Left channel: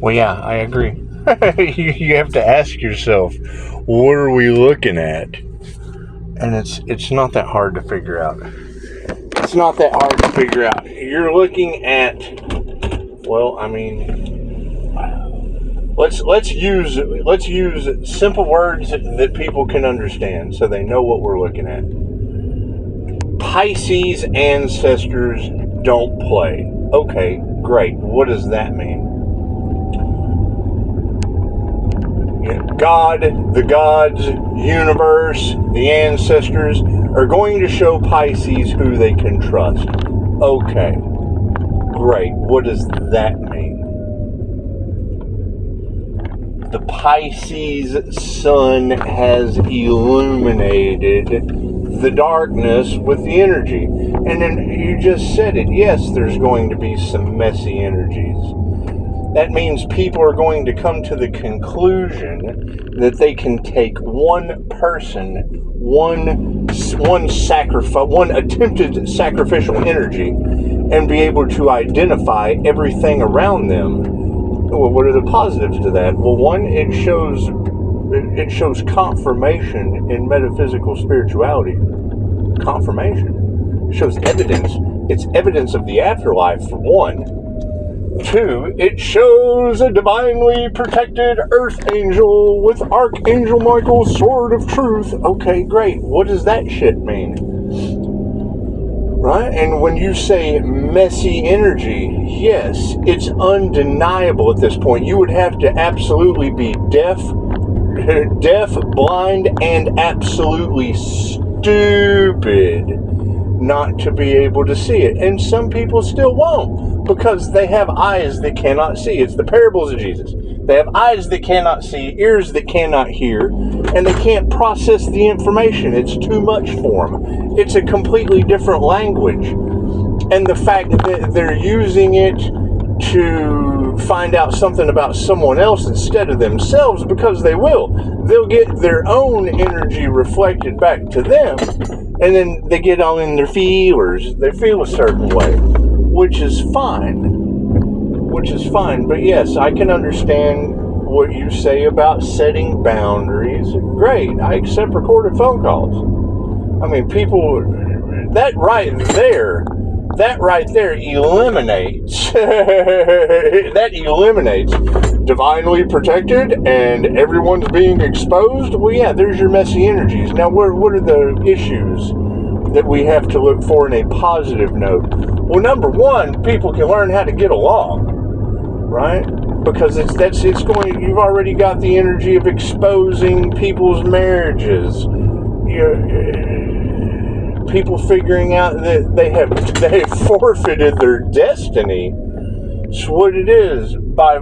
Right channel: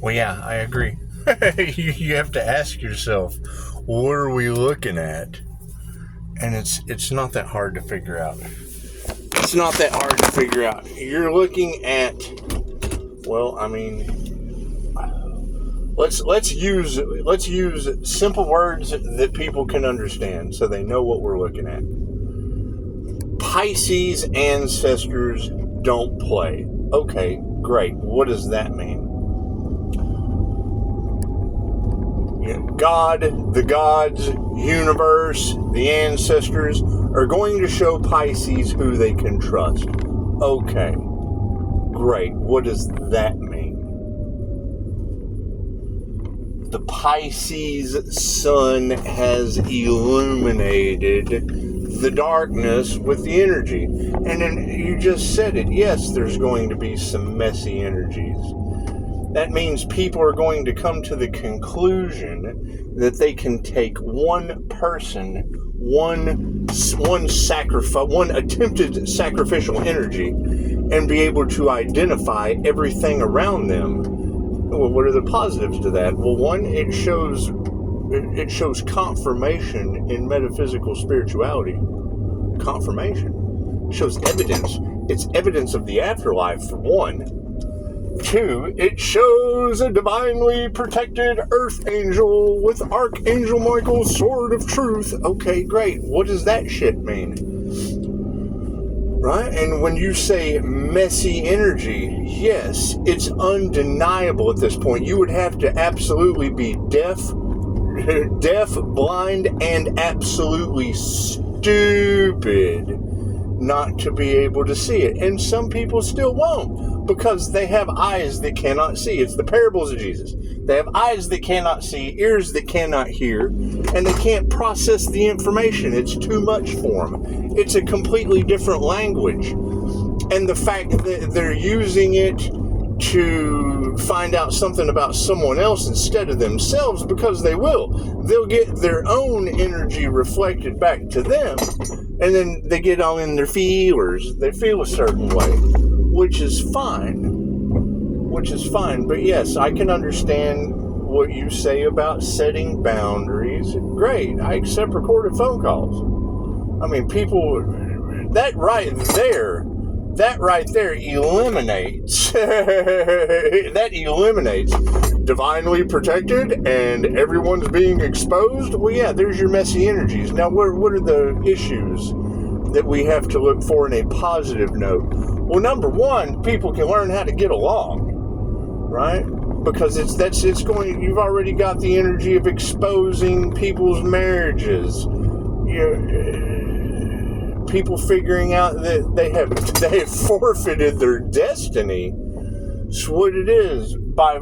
Well, yeah, I agree. You have to ask yourself, what are we looking at? And it's not that hard to figure out. It's not that hard to figure out. You're looking at, well, I mean, let's use simple words that people can understand so they know what we're looking at. Pisces ancestors don't play. Okay, great. What does that mean? God, the gods, universe, the ancestors are going to show Pisces who they can trust. Okay, great. What does that mean? The Pisces sun has illuminated the darkness with the energy. And then you just said it. Yes, there's going to be some messy energies. That means people are going to come to the conclusion that they can take one person, one attempted sacrificial energy, and be able to identify everything around them. Well, what are the positives to that? Well, one, it shows confirmation in metaphysical spirituality. Confirmation. It shows evidence. It's evidence of the afterlife, for one. Two, it shows a divinely protected earth angel with Archangel Michael's sword of truth. Okay, great. What does that shit mean? Right? And when you say messy energy, yes, it's undeniable at this point. You would have to absolutely be deaf, blind, and absolutely stupid not to be able to see it. And some people still won't, because they have eyes that cannot see. It's the parables of Jesus. They have eyes that cannot see, ears that cannot hear, and they can't process the information. It's too much for them. It's a completely different language. And the fact that they're using it to find out something about someone else instead of themselves, because they'll get their own energy reflected back to them, and then they get all in their feelers. They feel a certain way, which is fine. But yes, I can understand what you say about setting boundaries. Great. I accept recorded phone calls. I mean, people, that right there eliminates, that eliminates divinely protected and everyone's being exposed. Well, yeah, there's your messy energies. Now, what are the issues that we have to look for in a positive note? Well, number one, people can learn how to get along, right? Because you've already got the energy of exposing people's marriages. People figuring out that they have forfeited their destiny. It's what it is, by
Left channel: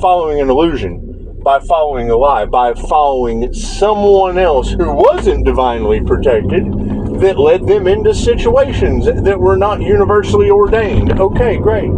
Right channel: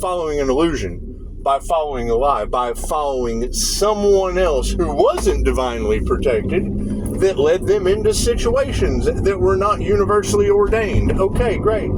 following an illusion, by following a lie, by following someone else who wasn't divinely protected, that led them into situations that were not universally ordained. Okay, great.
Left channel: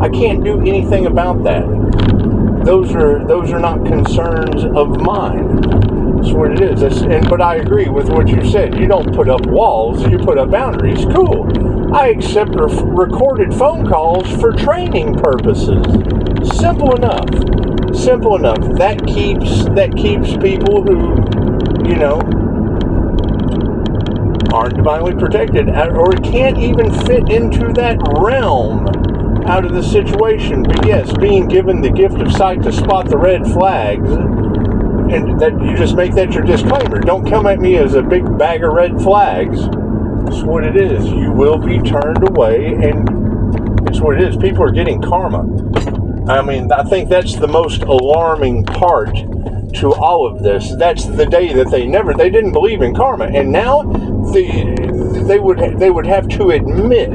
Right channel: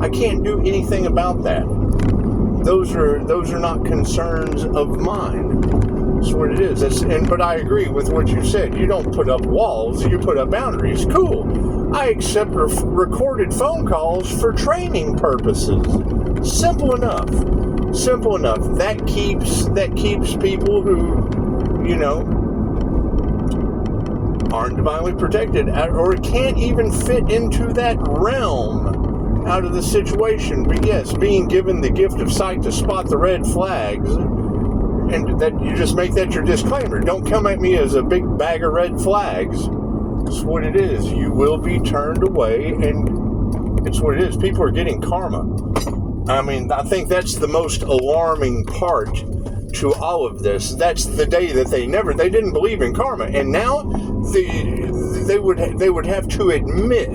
I can't do anything about that. Those are not concerns of mine. That's what it is. But I agree with what you said. You don't put up walls, you put up boundaries. Cool. I accept recorded phone calls for training purposes. Simple enough. That keeps people who, aren't divinely protected or can't even fit into that realm out of the situation. But yes, being given the gift of sight to spot the red flags, and that you just make that your disclaimer. Don't come at me as a big bag of red flags. It's what it is. You will be turned away, and it's what it is. People are getting karma. I mean, I think that's the most alarming part to all of this. That's the day that they didn't believe in karma, and now they would have to admit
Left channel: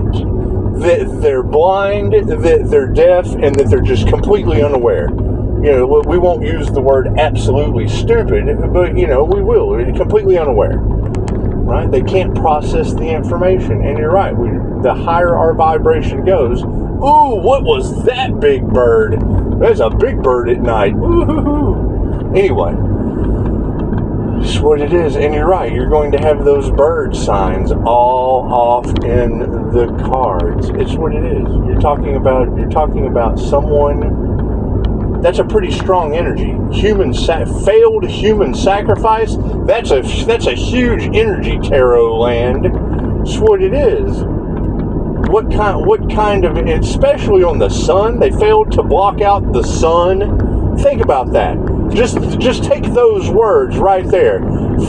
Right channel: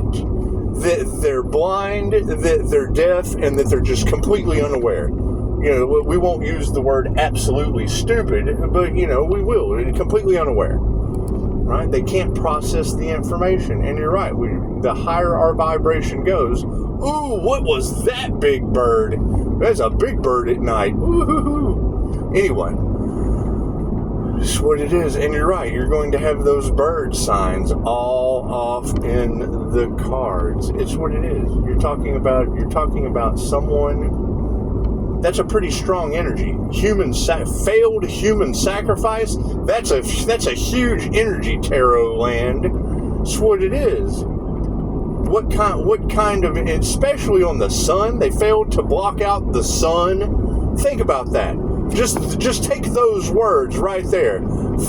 that they're blind, that they're deaf, and that they're just completely unaware. We won't use the word absolutely stupid, but we will. Completely unaware, right? They can't process the information, and you're right. The higher our vibration goes, ooh, what was that big bird? There's a big bird at night. Woo-hoo-hoo. Anyway, it's what it is, and you're right. You're going to have those bird signs all off in the cards. It's what it is. You're talking about someone That's a pretty strong energy. Failed human sacrifice. That's a huge energy, tarot land. That's what it is. What kind of, especially on the sun, they failed to block out the sun. Think about that. Just take those words right there.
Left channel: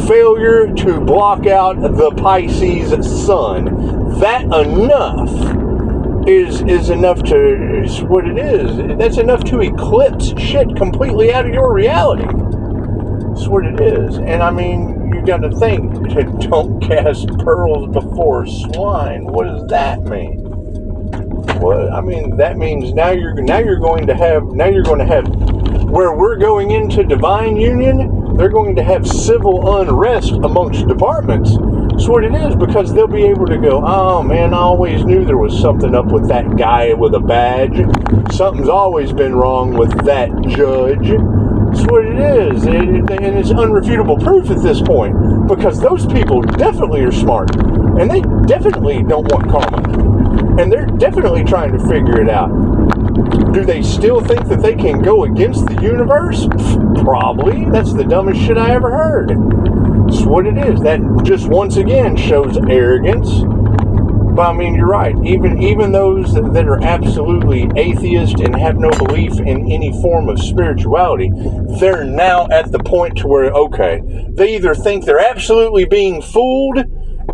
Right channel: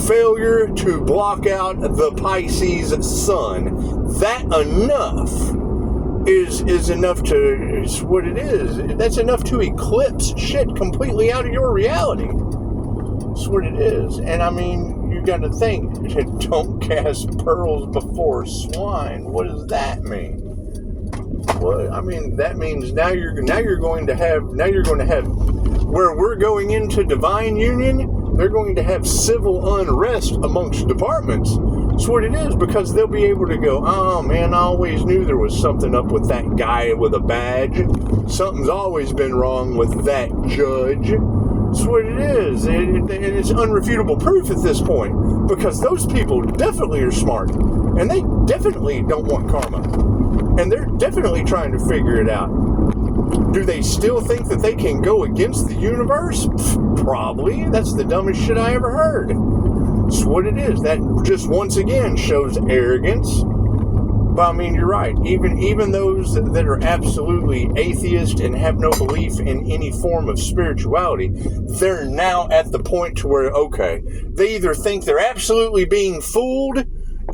Failure to block out the Pisces sun. That enough is enough to, is what it is. That's enough to eclipse shit completely out of your reality. That's what it is. And I mean, you got to think, don't cast pearls before swine. What does that mean? What I mean, that means now you're going to have where we're going into divine union, they're going to have civil unrest amongst departments. That's what it is, because they'll be able to go, oh man, I always knew there was something up with that guy with a badge. Something's always been wrong with that judge. That's what it is. And it's unrefutable proof at this point, because those people definitely are smart, and they definitely don't want karma, and they're definitely trying to figure it out. Do they still think that they can go against the universe? Probably. That's the dumbest shit I ever heard. That's what it is. That just once again shows arrogance. But I mean, you're right. Even those that are absolutely atheist and have no belief in any form of spirituality, they're now at the point to where, okay, they either think they're absolutely being fooled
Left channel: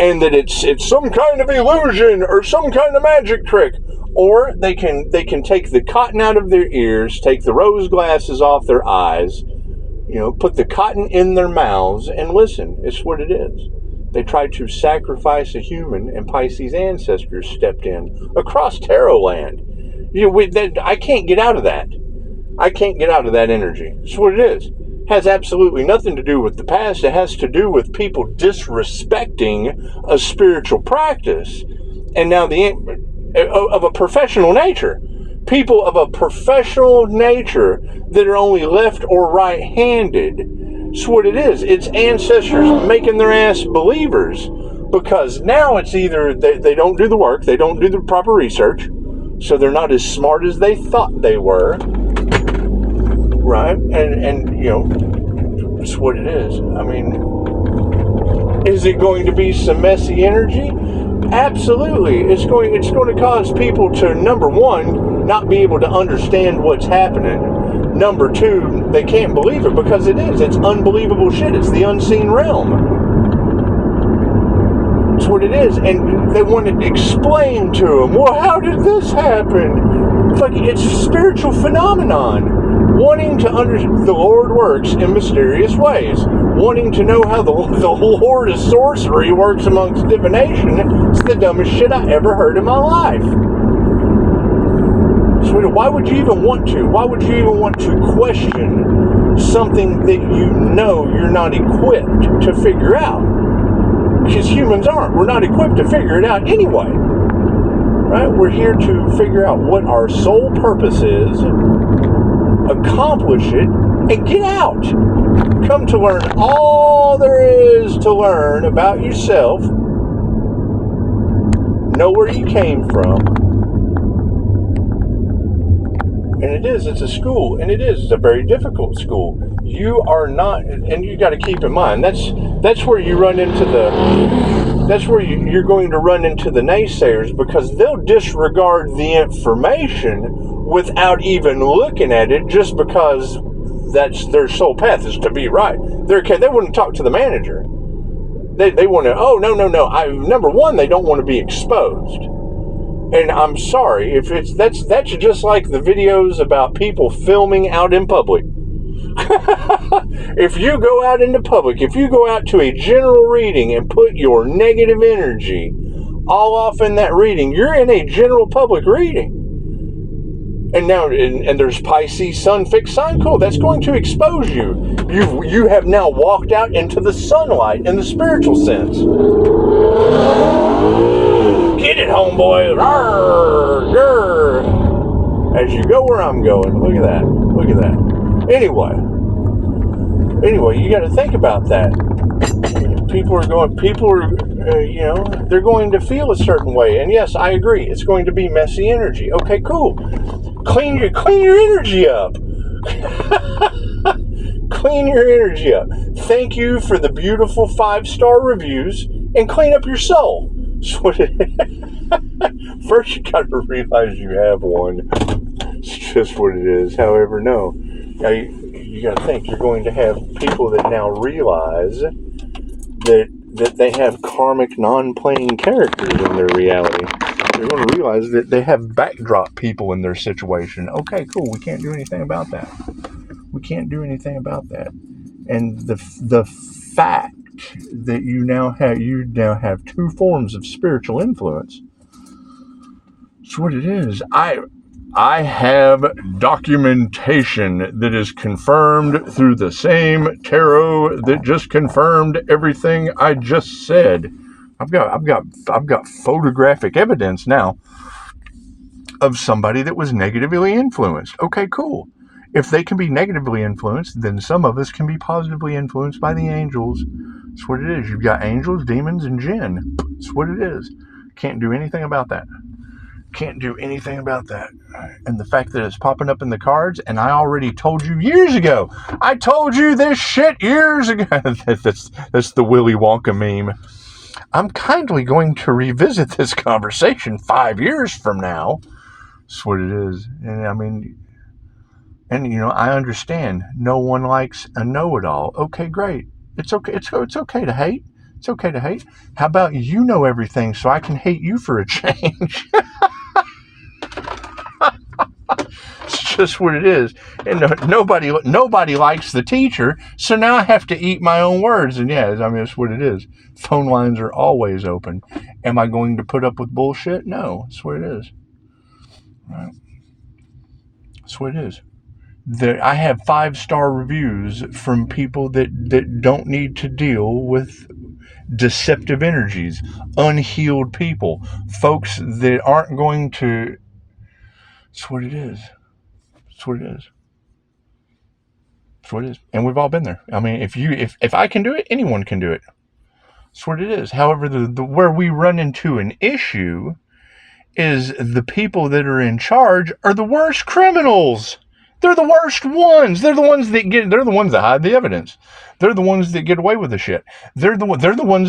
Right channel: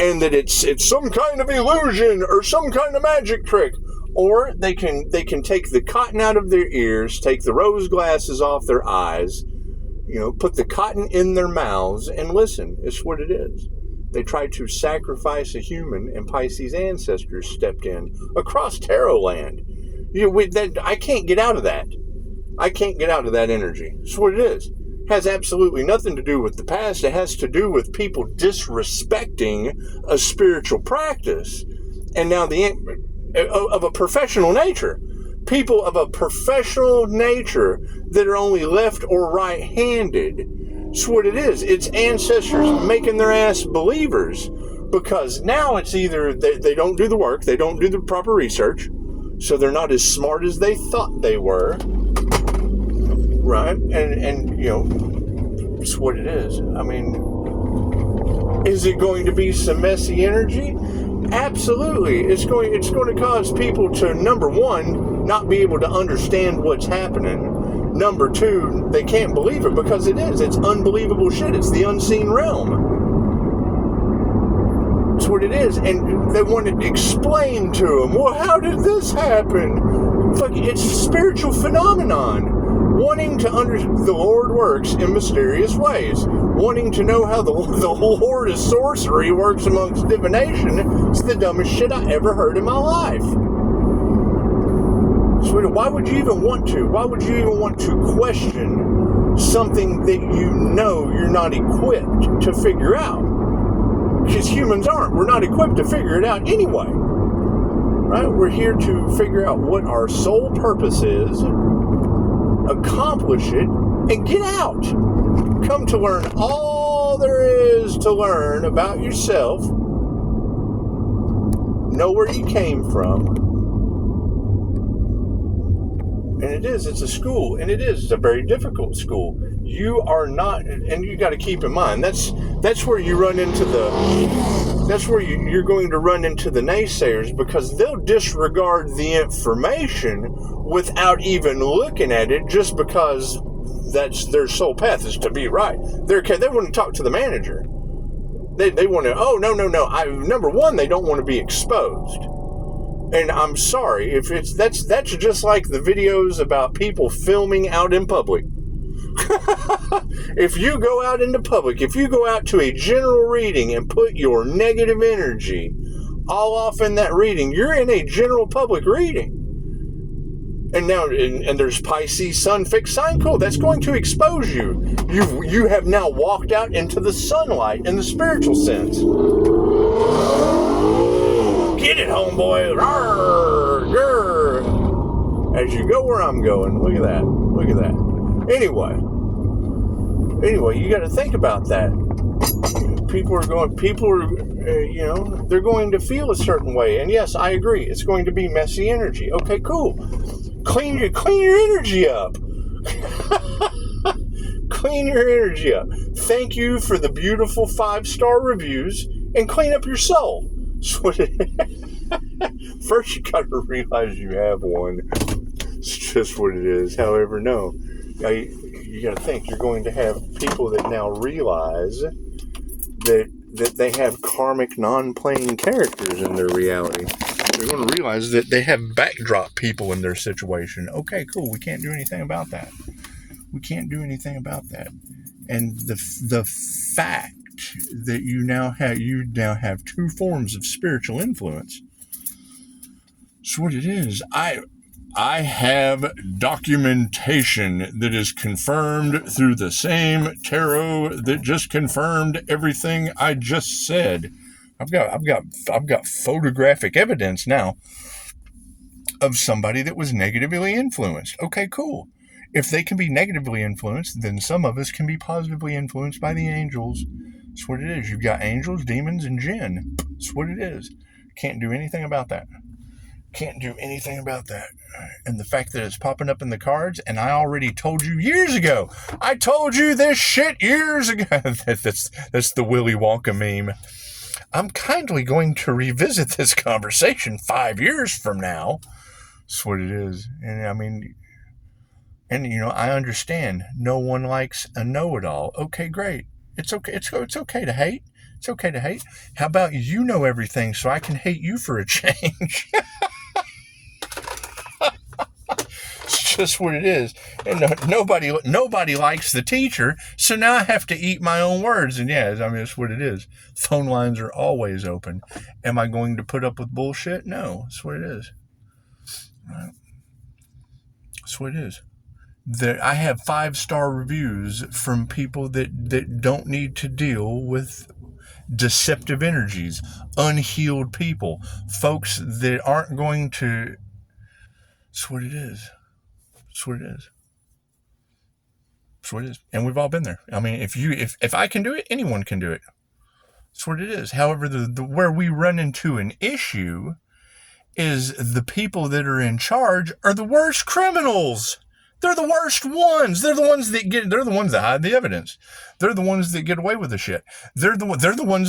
and that it's some kind of illusion or some kind of magic trick, or they can take the cotton out of their ears, take the rose glasses off their eyes, put the cotton in their mouths and listen. It's what it is. They tried to sacrifice a human, and Pisces ancestors stepped in across tarot land. I can't get out of that. I can't get out of that energy. It's what it is. It has absolutely nothing to do with the past. It has to do with people disrespecting a spiritual practice. And now of a professional nature. People of a professional nature that are only left or right-handed. That's what it is. It's ancestors making their ass believers, because now it's either they don't do the work, they don't do the proper research, so they're not as smart as they thought they were, right? And it's what it is. I mean, is it going to be some messy energy? Absolutely. It's going to cause people to, number one, not be able to understand what's happening. Number two, they can't believe it, because it's unbelievable shit. It's the unseen realm. That's what it is. And they want to explain to them, well, how did this happen? It's a spiritual phenomenon. Wanting to understand, the Lord works in mysterious ways. Wanting to know how the Lord of sorcery works amongst divination, it's the dumbest shit I ever heard in my life. So why would you even want to? Why would you even want to question something that you're not equipped to figure out? Because humans aren't. We're not equipped to figure it out anyway. Right? We're here to figure out what our sole purpose is, accomplish it, and get out. Come to learn all there is to learn about yourself. Know where you came from. And it's a school, and it's a very difficult school. You are not, and you got to keep in mind, that's where you run into you're going to run into the naysayers, because they'll disregard the information without even looking at it, just because that's their sole path is to be right. They wouldn't talk to the manager. They want to, oh, no. Number one, they don't want to be exposed. And I'm sorry, if that's just like the videos about people filming out in public. If you go out into public, if you go out to a general reading and put your negative energy all off in that reading, you're in a general public reading. And now, and there's Pisces Sun fixed sign, cool, that's going to expose you. You have now walked out into the sunlight in the spiritual sense. Get it, homeboy. Rawr, grr. As you go where I'm going. Look at that. Anyway, you got to think about that. They're going to feel a certain way. And yes, I agree. It's going to be messy energy. Okay, cool. Clean your energy up. Clean your energy up. Thank you for the beautiful 5-star reviews, and clean up your soul. First, you got to realize you have one. It's just what it is. However, no. Now, you got to think you're going to have people that now realize that they have karmic non-playing characters in their reality. You're going to realize that they have backdrop people in their situation. Okay, cool. We can't do anything about that. We can't do anything about that. And the fact that you now have 2 forms of spiritual influence. That's what it is. I have documentation that is confirmed through the same tarot that just confirmed everything I just said. I've got photographic evidence now of somebody that was negatively influenced. Okay, cool. If they can be negatively influenced, then some of us can be positively influenced by the angels. That's what it is. You've got angels, demons, and jinn. That's what it is. Can't do anything about that. Can't do anything about that. And the fact that it's popping up in the cards, and I already told you years ago. I told you this shit years ago. That's the Willy Wonka meme. I'm kindly going to revisit this conversation 5 years from now. That's what it is. And I mean, and you know, I understand no one likes a know-it-all. Okay, great. It's okay. It's okay to hate. It's okay to hate. How about you know everything so I can hate you for a change? It's just what it is. And nobody likes the teacher, so now I have to eat my own words. And yeah, I mean, that's what it is. Phone lines are always open. Am I going to put up with bullshit? No, that's what it is. Right? That's what it is. I have 5-star reviews from people that don't need to deal with deceptive energies, unhealed people, folks that aren't going to. That's what it is. That's what it is. That's what it is. And we've all been there. I mean, if I can do it, anyone can do it. That's what it is. However, the where we run into an issue is the people that are in charge are the worst criminals. They're the worst ones. They're the ones that hide the evidence. They're the ones that get away with the shit. They're the ones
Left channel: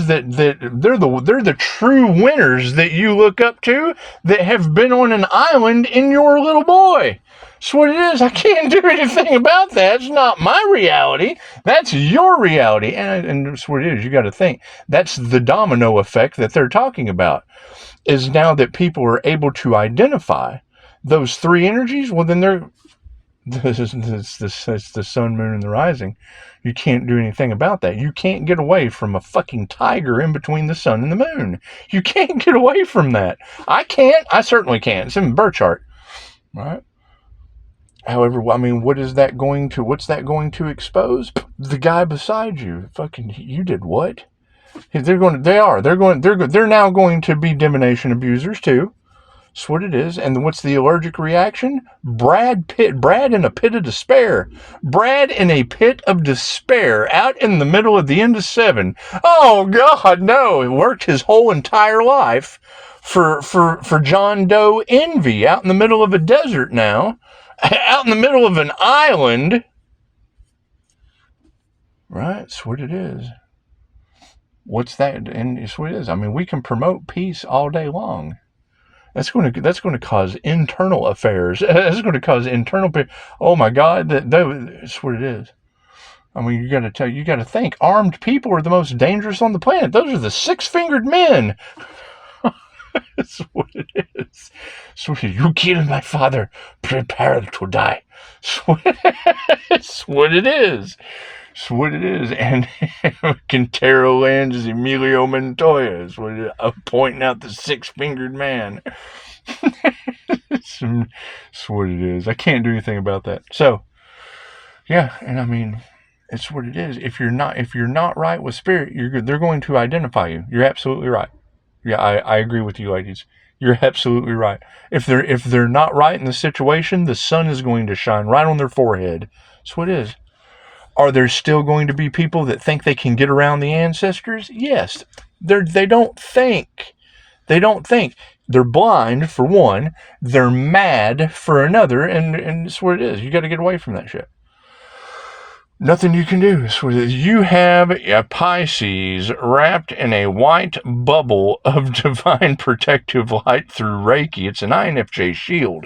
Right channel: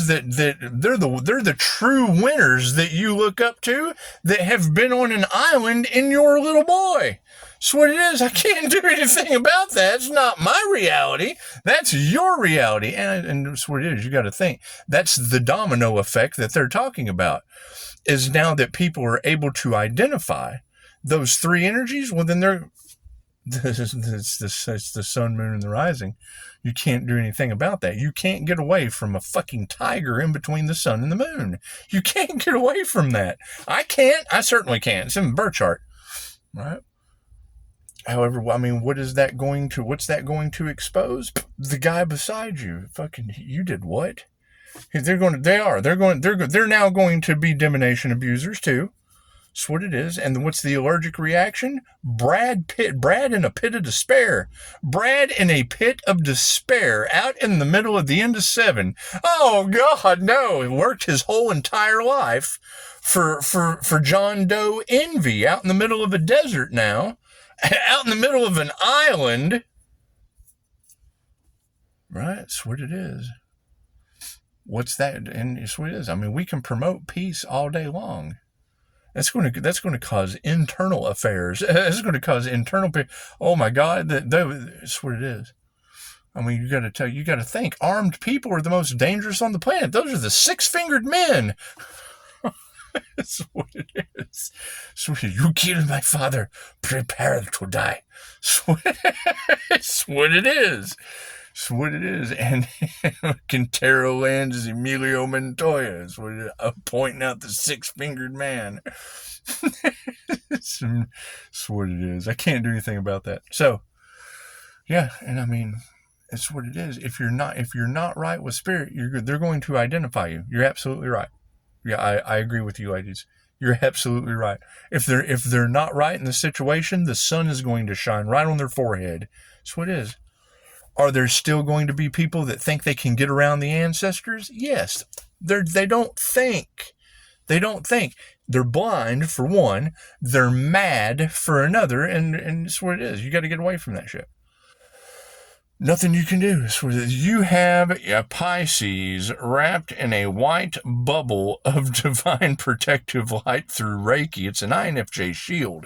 that they're the true winners that you look up to that have been on an island in your little boy. That's what it is. I can't do anything about that. It's not my reality. That's your reality. And that's what it is. You got to think. That's the domino effect that they're talking about. Is now that people are able to identify those 3 energies, well, then it's the sun, moon, and the rising. You can't do anything about that. You can't get away from a fucking tiger in between the sun and the moon. You can't get away from that. I can't. I certainly can't. It's in the birth chart. Right? However, I mean, what's that going to expose? The guy beside you. Fucking, you did what? They're now going to be divination abusers too. That's what it is. And what's the allergic reaction? Brad in a pit of despair. Brad in a pit of despair out in the middle of the end of 7. Oh God, no. He worked his whole entire life for John Doe envy out in the middle of a desert now, out in the middle of an island. Right? That's what it is. What's that? And it's what it is. I mean, we can promote peace all day long. That's going to cause internal affairs. That's going to cause internal. Oh my God, that's what it is. I mean, you got to think. Armed people are the most dangerous on the planet. Those are the 6-fingered men. That's what it is. So you killed my father. Prepare to die. That's what it is. That's what it is. And Quintero Lands is Emilio Montoya. That's what it is. I'm pointing out the 6-fingered man. That's what it is. I can't do anything about that. So, yeah, and I mean, it's what it is. If you're not right with spirit, they're going to identify you. You're absolutely right. Yeah, I agree with you, ladies. You're absolutely right. If they're not right in the situation, the sun is going to shine right on their forehead. That's what it is. Are there still going to be people that think they can get around the ancestors? Yes. They don't think They don't think. They're blind, for one. They're mad, for another. And it's what it is. You got to get away from that shit. Nothing you can do. You have a Pisces wrapped in a white bubble of divine protective light through Reiki. It's an INFJ shield.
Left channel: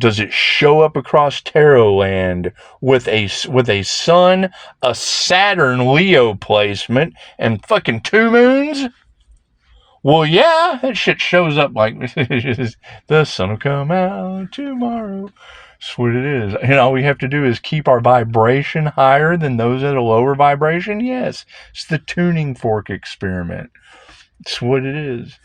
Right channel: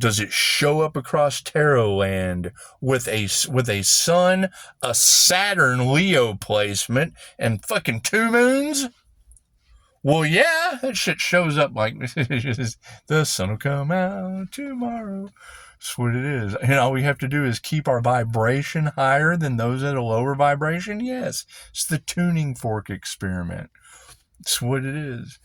Does it show up across tarot land with a sun, a Saturn Leo placement, and fucking 2 moons? Well, yeah, that shit shows up like the sun will come out tomorrow. That's what it is. And all we have to do is keep our vibration higher than those at a lower vibration. Yes, it's the tuning fork experiment. It's what it is.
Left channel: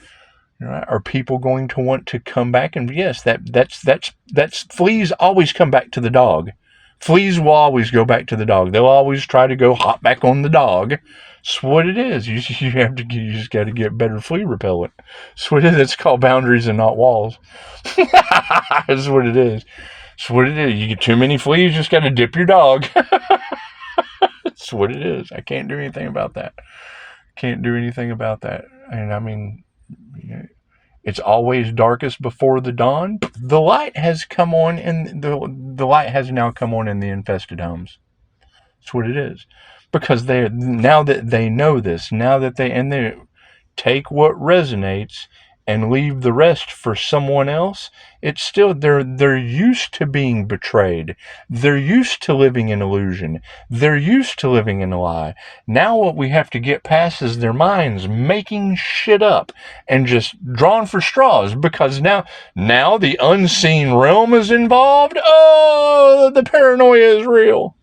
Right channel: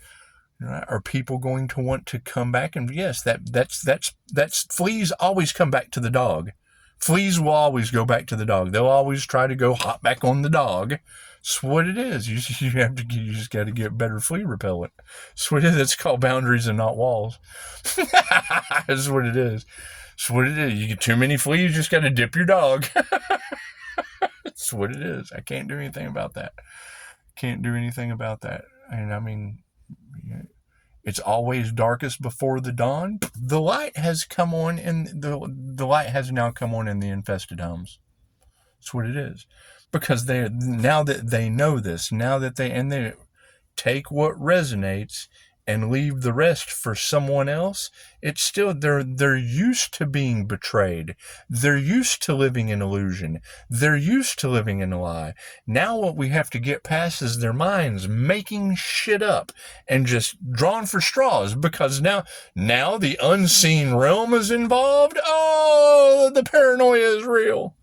Right? Are people going to want to come back? And yes, that's fleas always come back to the dog. Fleas will always go back to the dog. They'll always try to go hop back on the dog. It's what it is. You just got to get better flea repellent. It's what it is. It's called boundaries and not walls. That's what it is. It's what it is. You get too many fleas, you just got to dip your dog. It's what it is. I can't do anything about that. Can't do anything about that. And I mean, it's always darkest before the dawn. The light has come on, and the light has now come on in the infested homes. That's what it is, because now that they know this, now that they take what resonates and leave the rest for someone else. It's still they're used to being betrayed. They're used to living in illusion. They're used to living in a lie. Now what we have to get past is their minds making shit up and just drawing for straws, because now the unseen realm is involved. Oh, the paranoia is real.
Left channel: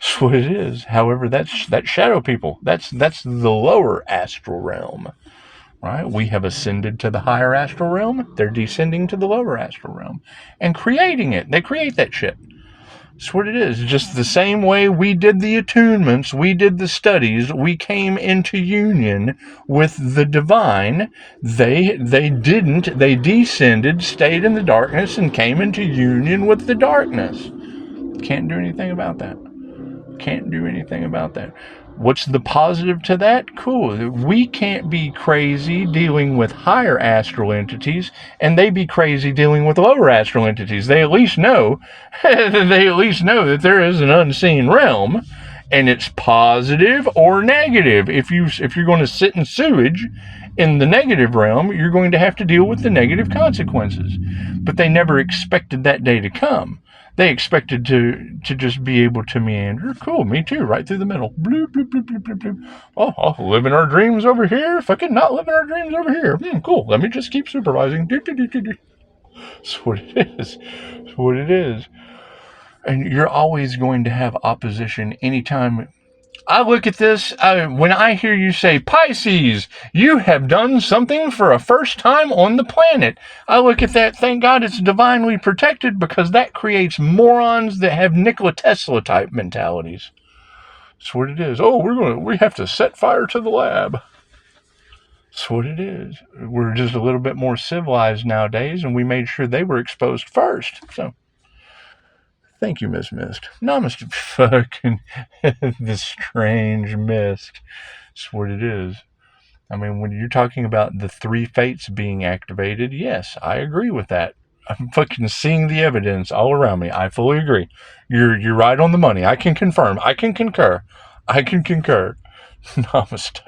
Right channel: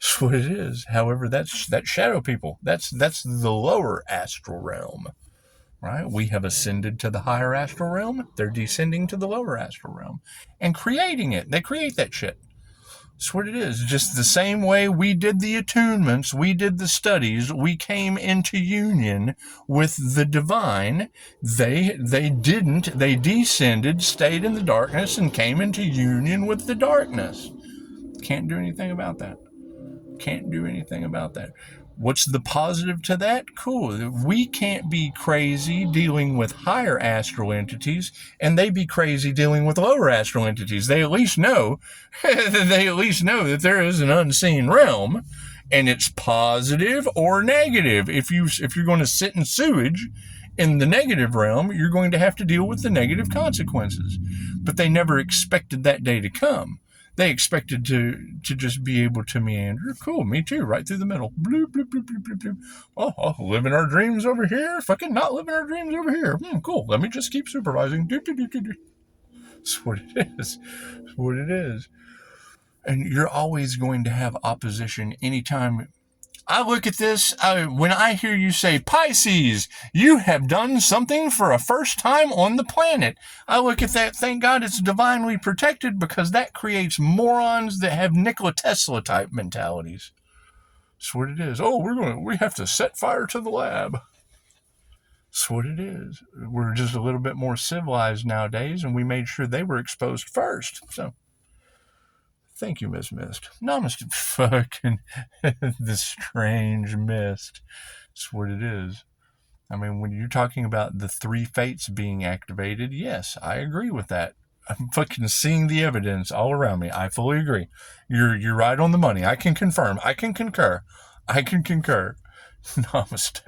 That's what it is. However, that's shadow people. That's the lower astral realm. Right? We have ascended to the higher astral realm. They're descending to the lower astral realm and creating it. They create that shit. That's what it is. Just the same way we did the attunements, we did the studies, we came into union with the divine. They didn't. They descended, stayed in the darkness, and came into union with the darkness. Can't do anything about that. Can't do anything about that. What's the positive to that? Cool. We can't be crazy dealing with higher astral entities, and they be crazy dealing with lower astral entities. They at least know that there is an unseen realm, and it's positive or negative. If you're going to sit in sewage in the negative realm, you're going to have to deal with the negative consequences. But they never expected that day to come. They expected to just be able to meander. Cool, me too, right through the middle. Bloop, bloop, bloop, bloop, bloop, bloop. Oh, living our dreams over here. Fucking not living our dreams over here. Cool, let me just keep supervising. That's what it is. That's what it is. And you're always going to have opposition anytime. I look at this, when I hear you say, Pisces, you have done something for a first time on the planet. I look at that, thank God it's divinely protected, because that creates morons that have Nikola Tesla type mentalities. That's what it is. Oh, we have to set fire to the lab. That's what it is. We're just a little bit more civilized nowadays, and we made sure they were exposed first. So, thank you, Miss Mist. Namaste, fucking the strange mist. That's what it is. I mean, when you're talking about the 3 fates being activated, yes, I agree with that. I'm fucking seeing the evidence all around me. I fully agree. You're right on the money. I can confirm. I can concur. Namaste.